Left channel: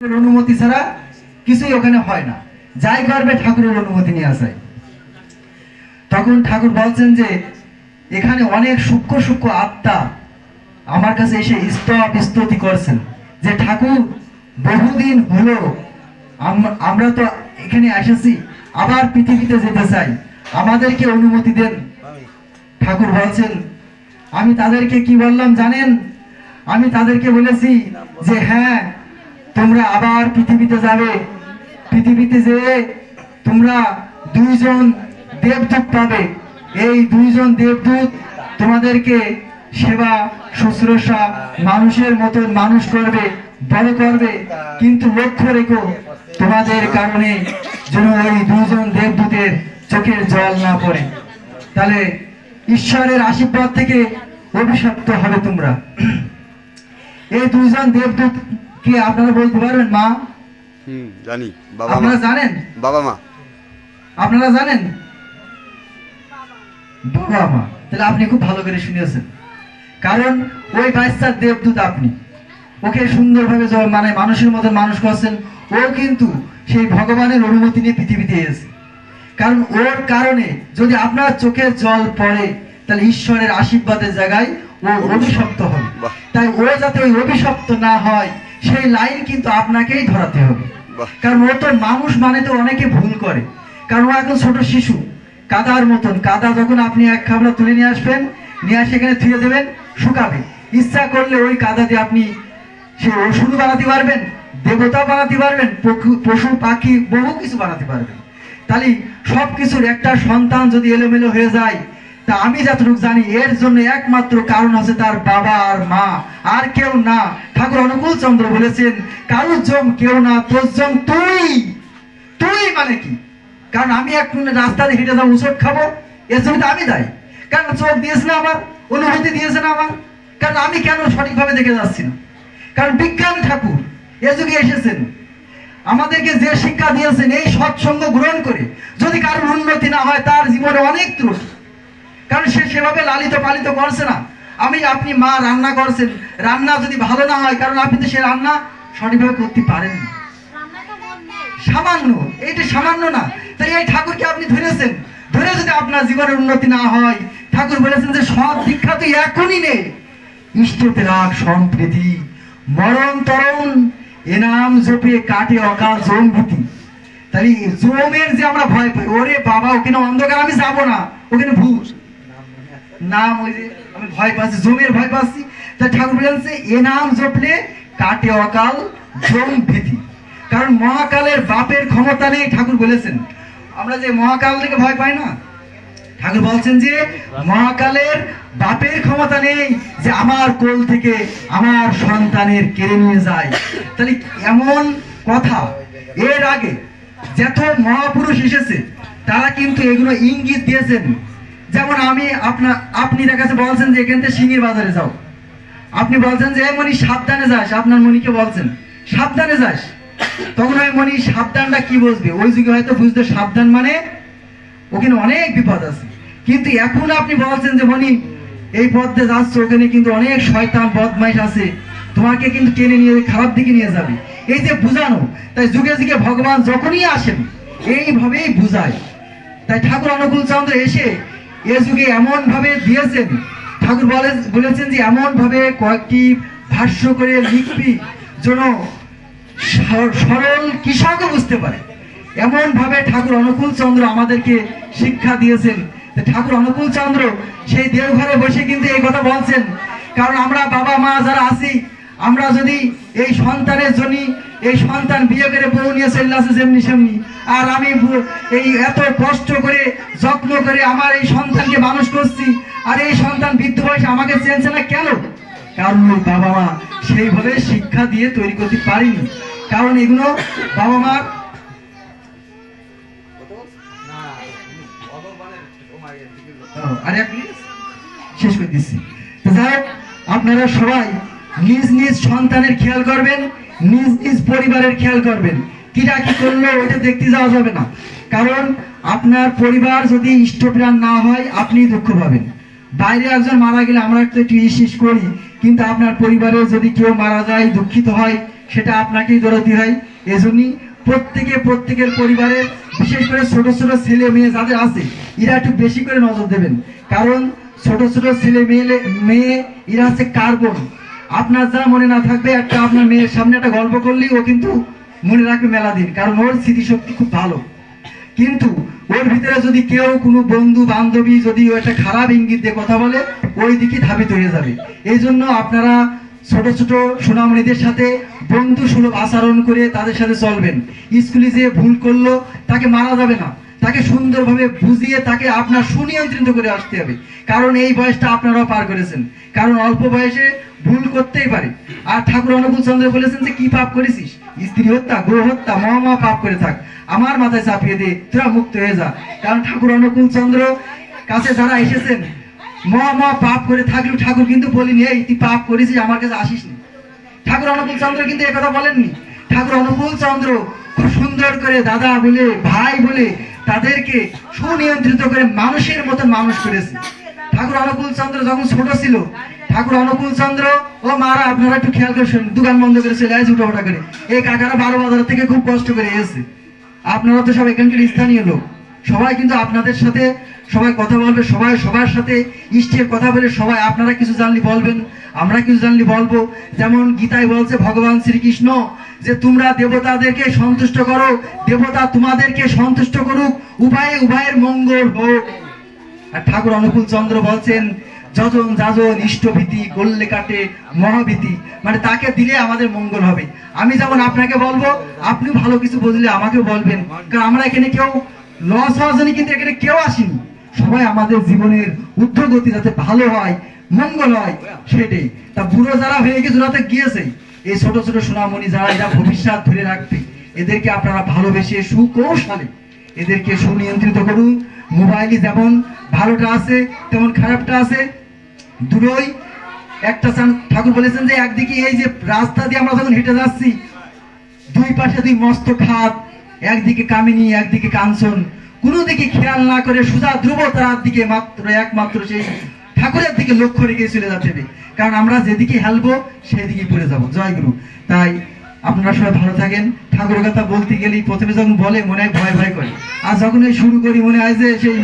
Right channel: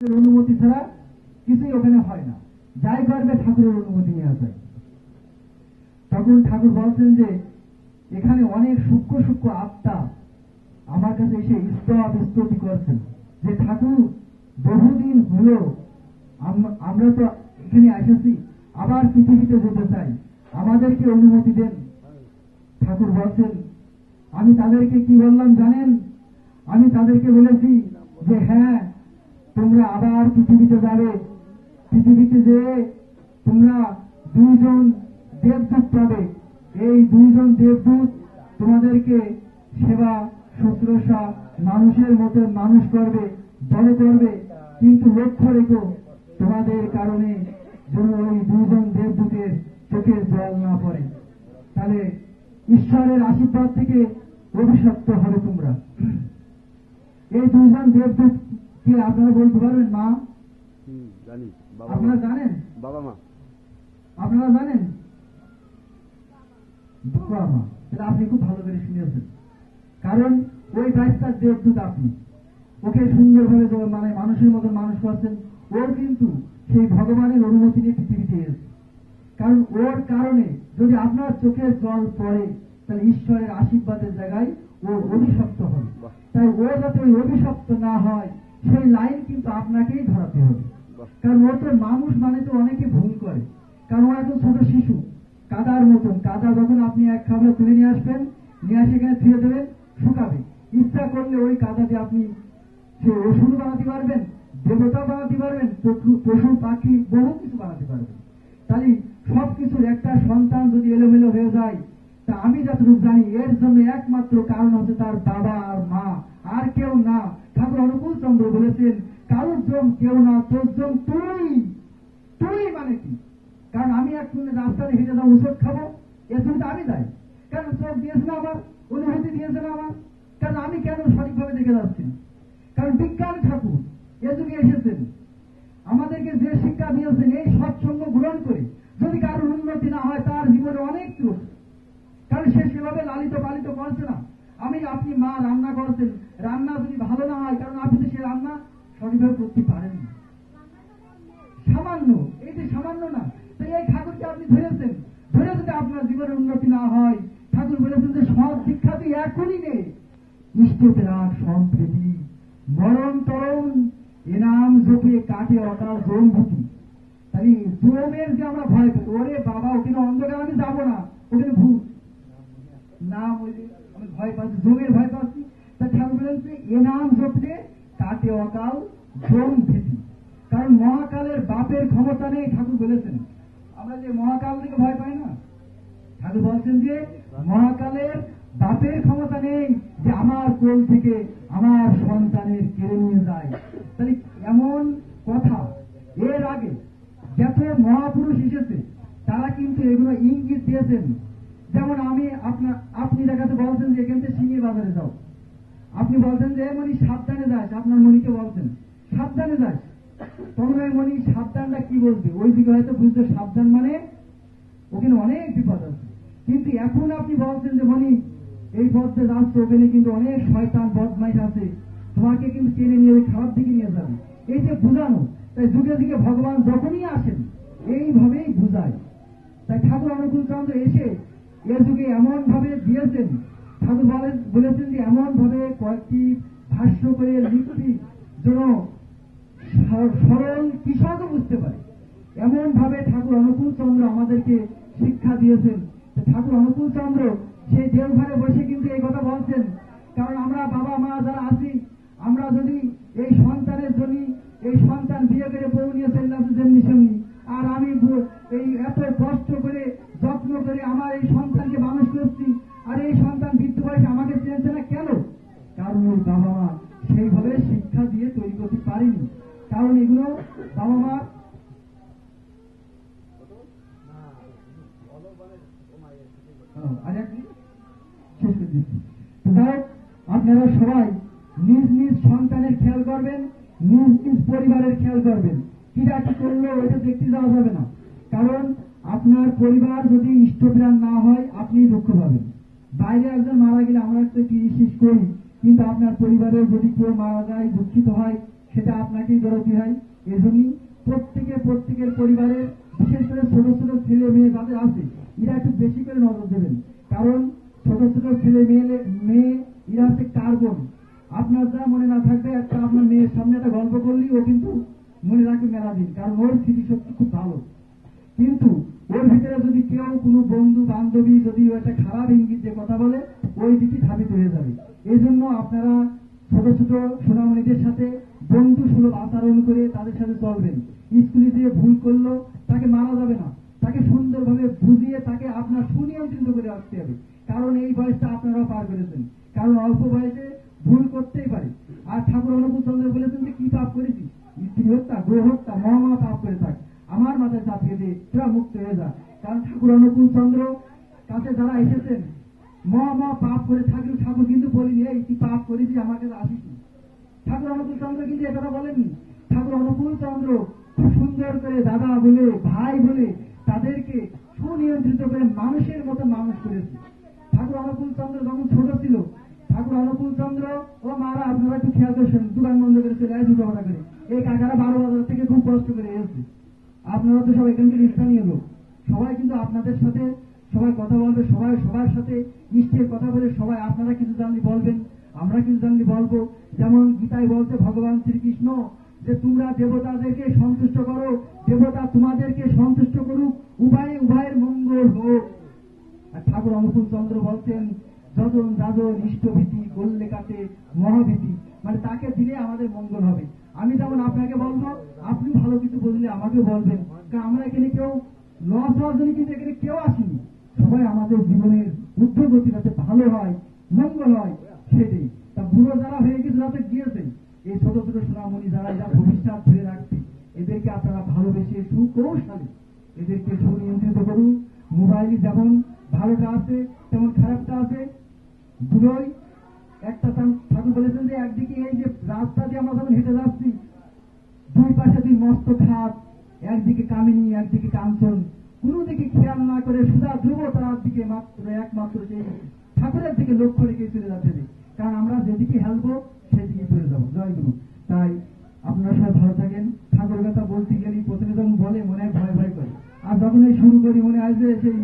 অনুমতি ছাড়া কিছুই ওখানে হয় না, যাই করবে ঠাকুরের অনুমতি নিয়ে আসায়। তখন ঠাকুর বলছেন যে এখানে অনেক সূক্ষ্ম সূক্ষ্ম আত্মা আমার কাছে এসে স্তুতি করছেন যে ঠাকুর বহুদিন হলো আমরা তো এখানে এসেছি, আবার পৃথিবীতে যেতে চাই, আমাদেরকে অনুমতি দেন। ঠাকুর বলছেন আমি তাদেরকে কি বললাম জানেন? আমি তাদেরকে বলেছি যে হ্যাঁ তোমরা আবার পৃথিবীতে যাবে, পৃথিবীতে যেয়ে তোমরা দুইজন দেবদূত পাবে, এই দুইজন দেবদূত তোমাদেরকে সেবা শুশ্রূষা মানুষের মতন মানুষ করবে, বড় করবে, কিন্তু লক্ষ্য রেখো তোমাদের কারণে যেন ওই দুইজন দেবদূতের চোখের জল না পড়ে, তাহলে ঈশ্বরের আশীর্বাদ থেকে অভিশপ্ত হবে তোমরা। এই দুইজন দেবদূত কি আপনারা বলতে পারবেন? মা জানি, আপনারা জানেন? বাবা মা আপনারা জানেন? বাবা মা। তাহলে আপনি খুব ভালো করে শুনেছেন, কারণ ওই বাচ্চার দেবদূত আপনি, ওকে সুন্দরভাবে মানে মানুষের মতো মানুষ করছেন, ও কিন্তু সেই ভগবানের অনুমতি নিয়ে পৃথিবীতে এসেছে। কারণ ওর কারণে যদি আপনার চোখের জল পড়ে তাহলে ঈশ্বরের আশীর্বাদের জায়গায় ও অভিশপ্ত হবে। তাই ও যাতে ওই অভিশপ্ত না হয় সেই লাইন কিন্তু আপনাকেই ধরাতে হবে। কারণ ও তো মানুষ মানে তো অনেকে ভুল করে, কারণ ও এখন ছোট শিশু, কাদার মতন। কাদা যখন আপনি এক খাবলা তুলে নিয়ে আসবেন, নিয়ে আসে এখানে ধুয়ে দেবেন, শুকাবে। ইচ্ছা করলে ওই কাদা দিয়ে আপনি সে ওষুধ বানাতে পারবেন, দেবতা বানাতে পারবেন, পশু পাখি বহু কিছু বানাতে পারবেন। তাহলে সবকিছুর একটা সন্তান যদি এলোমেলো হয়ে যায়, তা আমি যতটুকু জানি এর জন্য একমাত্র কারণ আছে তার বাবা আর মা, আর কেউ না। ঠাকুর অনুকূল চন্দ্র বলেছেন কারুর জম কেউ না, তোর জম তুই। তুই মানে কি? কারণ আমি এক রাস্তাতে হেঁটে যাবো, উচট খাবো, এর জন্য তো আমি দায়ী। কারণ চোখ দিয়েছে না আমার, অনুভূতি দিয়েছে না আমার, কারণ আমি কেন সঠিকভাবে দেখে যাচ্ছি না? কারণ বিজ্ঞান ঠাকুর এ যুগে এসেছেন, আমাদেরকে যে শিক্ষা দিয়েছেন এই সৎসঙ্গ গ্রহণ করে যদি কারোর উন্নতি না হয় তার জীবনে অনেক ত্রুটি, কারণ সে সেভাবে লালিত পালিত করছে না। আপনি মা রান্না করছেন, রান্না যদি ভালো না হয়, কারণ আপনি তো সে রান্না সঠিকভাবে করতে পারেন না, সামান্য, এইটা সামান্য না। তাই এই ঠাকুরকে আপনি ধরেছেন, ধরে যদি আপনার জীবনের উন্নতি না হয়, ঠাকুর বলেছেন যে সৎ দীক্ষা তুই এখনই নে, ইষ্টতে রাখ সম্প্রীতি, মরণ তরণ এনাম জপে কাটে অকাল জম ভীতি। তাহলে জমের যে আমরা ভয় পাই, ওরে বাবা ওখানে অন্ধকার, আমি যাবো না, ওখানে ভূত নাম, ওই যে আমি ভয় পাচ্ছি, জমের ভয় পাচ্ছি। তাই ঠাকুর বলেছে এ নাম জপলে কাটে অকাল জম ভীতি। কারণ মহাকালের বাপের ক্ষমতা নেই। ঠাকুর বলেছেন আমরা যে মহাকাল থেকে ভয় পাই না, ঠাকুর বলছেন যে মহাকালের বাপের ক্ষমতা নেই যে আমার কোল থেকে আমার সন্তানের কেড়ে নিয়ে যায়। তাহলে এমন কথা এর আগে যত মহাপুরুষ এসেছে তারা কিন্তু এগুলো ইঙ্গিত দিয়েছেন। যেমন আপনার কাছে বলছেন যে এখান থেকে সিঙ্গির বাজারে যাও, আপনি বলছেন যে মনি সাবধানে যাস, আপনার মনিকে বলছেন সাবধানে যাস, তখন ওই মনি সাবধানটা কি বুঝবে? ওই যুগে হয়তো বুঝতে সাবধান মানে ওখানে অনেক বিপদ আছে। কিন্তু এখন আপনি বলছেন যে মনি এই পথে যাচ্ছ, ওখানে কিন্তু অনেক শয়তান বদমাইশ আছে, তোমাকে কিন্তু টেনে নিয়ে খারাপ দিকে নিয়ে যাবে, এই যে বুঝানো। তাই যুগে যুগে ভগবান যখনই আসেন এইভাবেই বুঝায়। তাই ঠাকুর অনুকূল চন্দ্র এসে এ যুগে এমন ভাবে দিয়েছেন, ঠাকুর বলেছেন যে এমন ভাবে কয়েকটি ভাষ্য করে লিখবি যেন সরল কৃষকও বুঝতে পারে, এমন ভাবে ঠাকুর অনুকূল চন্দ্র আমাদেরকে শিক্ষা দিয়েছেন। ঠাকুর অনুকূল চন্দ্র সেই দেওঘরে বসে কিন্তু এই কথা বলছেন, কারণ আমরা বাবা মা যারা আছি, আমরা যদি এই সন্তানের জন্য, এই সন্তান বিয়ে করে বউ নিয়ে চলে আসে যেমনি সেমনি, আর আমি এই এত কষ্ট করে যত্ন করে আমার এই সন্তানকে মানুষ করছি, আর এই সন্তান বৃদ্ধ বয়সে আমাকে চেনছে না কেন? কারণ ওই বাবা মা সেইভাবে শিক্ষা দিয়ে তৈরি করতে পারিনি। কারণ এগুলো বাবা মা শেষ করে দিচ্ছি। যাই হোক, আপনারা সবাই নিজ নিজ সন্তানের খেয়াল করবেন, নিজ নিজ পরিবারের খেয়াল করবেন। কিরা কি করলো ওইটা দেখতে যাওয়া যাবে না, কারণ আপনার পরিবার যদি ইষ্টপ্রাণ না হয় আপনি দুঃখ পাবেন। বাইরে একজন মারা গেলে আমরা একটু ইস করি, কিন্তু আপনার পরিবারে যদি কেউ মারা যায় দুঃখিত হয়, সেটা আপনাকেই দরদি হয়। এজন্যই প্রত্যেকের পরিবারে বিশেষ করে ছোট ছোট ছেলে মেয়ে যাদের আছে এরা একটু বেশি করে নজর দেবেন, কারণ ছোট ছোট ছেলে মেয়ে এরা হচ্ছে কার্বন। আপনার যা মনে না থাকবে, একটা আপনার মেয়ের সামনে একটা গল্প করলেই ও কিন্তু মনে রাখবে মেলা দিন, কারণ ওর স্মৃতিশক্তি খুব ভালো। কিন্তু ওর ভিতরে যদি কেউ কোনো বন্ধু বান্ধবী যদি একটা খারাপ ইঙ্গিত দিয়ে কথা বলে, ওই দিকে ধাবিত হয়ে যাবে। এই জন্য আপনারা ছোট ছোট সোনামণিদের সাথে বন্ধু সুলভ আচরণ করে তাদের সাথে চলবেন। স্কুলে যে ভুল করলো তাকে মারা যাবে না, তাকে সুন্দরভাবে বুঝিয়ে তাকে আপনার সুনিয়ন্ত্রিত করে আসতে হবে, কারণ এই বয়সটা আপনারাও পার করেছেন। কারণ অল্প বয়সে ভুল করতেই পারে। আর ঠাকুর অনুকূল চন্দ্র বলেছেন যে কি পাপ করেছিস, স্ত্রী হত্যা, গো হত্যা, মহা পাপ করে থাক, আমার মাথায় চাপিয়ে দে, তোরা মুক্ত হয়ে যা। কারণ ঠাকুর অনুকূল চন্দ্র কাছে যারা এসেছেন মহা পাপ করে থাকলেও ঠাকুর কিন্তু বলিনি এই তুই পাপ করেছিস আমার কাছে আসিস নি। ঠাকুর অনুকূল চন্দ্র কিন্তু একথা বলেননি। ঠাকুর অনুকূল চন্দ্র খুব সুন্দর করে দাদা বলে, ভাই বলে তাদেরকে সুনিয়ন্ত্রিত করে মানুষের মতন মানুষ করেছে। ঠাকুর অনুকূল চন্দ্র যখন ছোট ছিল, ঠাকুর অনুকূল চন্দ্র ও মারা আপনারা একটু খেয়াল করে শুনুন, দোকান বন্ধ করে চলে আসে উঠাফাটা করে। এই কাকারা 12 বাজার থেকে খুব কষ্ট করে এসেছে। আপনারা তো সব এখানকার স্থানীয় লোক, সবাই কিন্তু আপনাদের সাথে সবাই কথা বলবে, সবাই সবার সাথে ইষ্টের কথা বলে, সবাই আপনারা কিছু জানলে বলবেন, আমরা কিছু জানলে বলবো। যেমন গীতায় বলছে ভগবান শ্রীকৃষ্ণ যে তোমরা দেবতাদেরকে সন্তুষ্ট করো, দেবতা তোমাদেরকে সন্তুষ্ট করুক, উভয়ের মঙ্গল হোক। আর ঠাকুর অনুকূল চন্দ্র বলছেন যজন যাজন ইষ্টভীতি গল্লে কাটে মহাভীতি, মানে তাকে দিলে আমাদের মঙ্গল হবে। আমি যেমন আপনাকে বলবো, আপনিও ভালো কিছু বুঝলে আমাকেও বলবেন, কারণ আমরা এখানে কেউ লস হওয়ার জন্য কিন্তু এখানে কেউ আসিনি। সবাই আমাদের জীবনের ঊর্ধ্বগতি যাতে ভালো হয়, মঙ্গল হয়, সেটাই। তা বুড়ো যারা হয়ে গেছে যাতে গিয়েছে, এই ছোট ছোট সোনামণি যারা এরা ভবিষ্যৎ ধরে রাখবে, এদেরকে আপনারা ভালোবেসে সুকৌশলে এদেরকে সুনিয়ন্ত্রিত করুন। মোবাইলে যেমন ভালোটা আছে তেমন খারাপটা আছে, দুটোই একটা। ঠাকুর বলেছেন যে একদিকে এই যে রাস্তা দিয়ে আমরা যখন হেঁটে যাচ্ছি, দুই পাশে দুই মস্ত খাত, একদিকে কামিনী একদিকে কাঞ্চন, কোনো দিকে খেয়াল না করে সোজা ধ্রুবতারার দিকে একমাত্র সেই ঠাকুরের দিকে লক্ষ্য রেখে চলে যেতে হবে, কারণ আমরা যেদিকে হেলবো সেদিকে পড়ে যাবো। জয় গুরু। তাই আপনারা সবাই ভালো থাকেন। ঠাকুরের কথা বলতে গেলেই প্রথমে যখন বলে মনে হয় ভয় ভয় করে, আর যখন এই শুরু করি মনে হয় যে সেই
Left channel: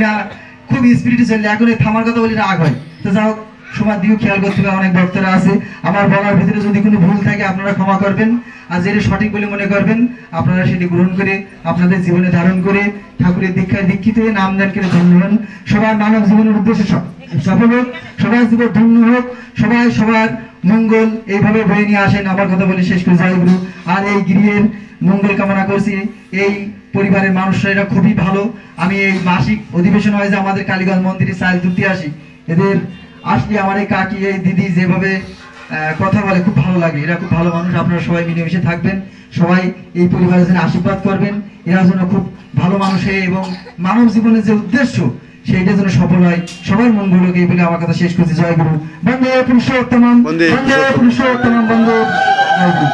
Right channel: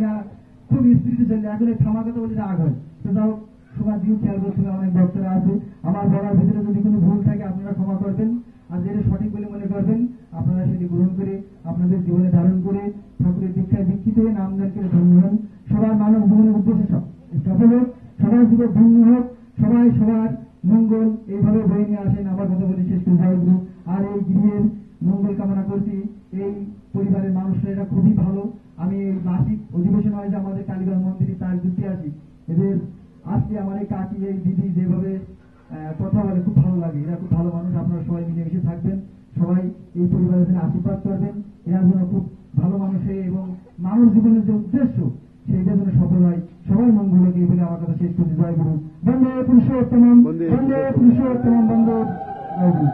খুব স্পিরিটে চলে, এখন এই থামার কথা বলি রাগ হয়। তো যাই হোক, সময় দিয়েও খেয়াল করতে হবে, অনেক ভক্তরা আছে। আমার বলার ভিতরে যদি কোনো ভুল থাকে আপনারা ক্ষমা করবেন, আর যেটা সঠিক বলে মনে করবেন আপনারা সেটি গ্রহণ করে আপনাদের জীবনে ধারণ করে ঠাকুরের দীক্ষায় দীক্ষিত হয়ে নাম দান করে ধন্য হন। সবার মানব জীবনের উদ্দেশ্যে সফল হোক, সবার জীবন ধন্য হোক, সবাই সবার মঙ্গল এইভাবে বয়ে নিয়ে আসেন। আমার কথা বলে শেষ করে জয় গুরু। আর এই গৃহের মঙ্গল কামনা করছি। এই পরিবারের মানুষরা এরা খুবই ভালো। আমি এই মাসিক অধিবেশন হয় যে আমাদের কালীগঞ্জ মন্দিরে চাল তুলতে আসি, এদের আসলে আমার এই কাকি এই দিদি যেভাবে কথা বলে খুব ভালো লাগে। এরা খুব ভালো মানুষ। আপনারা সবাই মিলেমিশে থাকবেন, সবাই এই পরিবারের জন্য আশীর্বাদ করবেন। এরা যেন খুব ভালো মানুষ হয় এবং মানব জীবনের যে উদ্দেশ্য সেইটা যেন সফল হয়, সবার মঙ্গল হোক, এই বলে আমার কথা শেষ করছি। জয় গুরু। বন্দে পুরুষোত্তম, বন্দে পুরুষোত্তম, বন্দে জয় গুরু।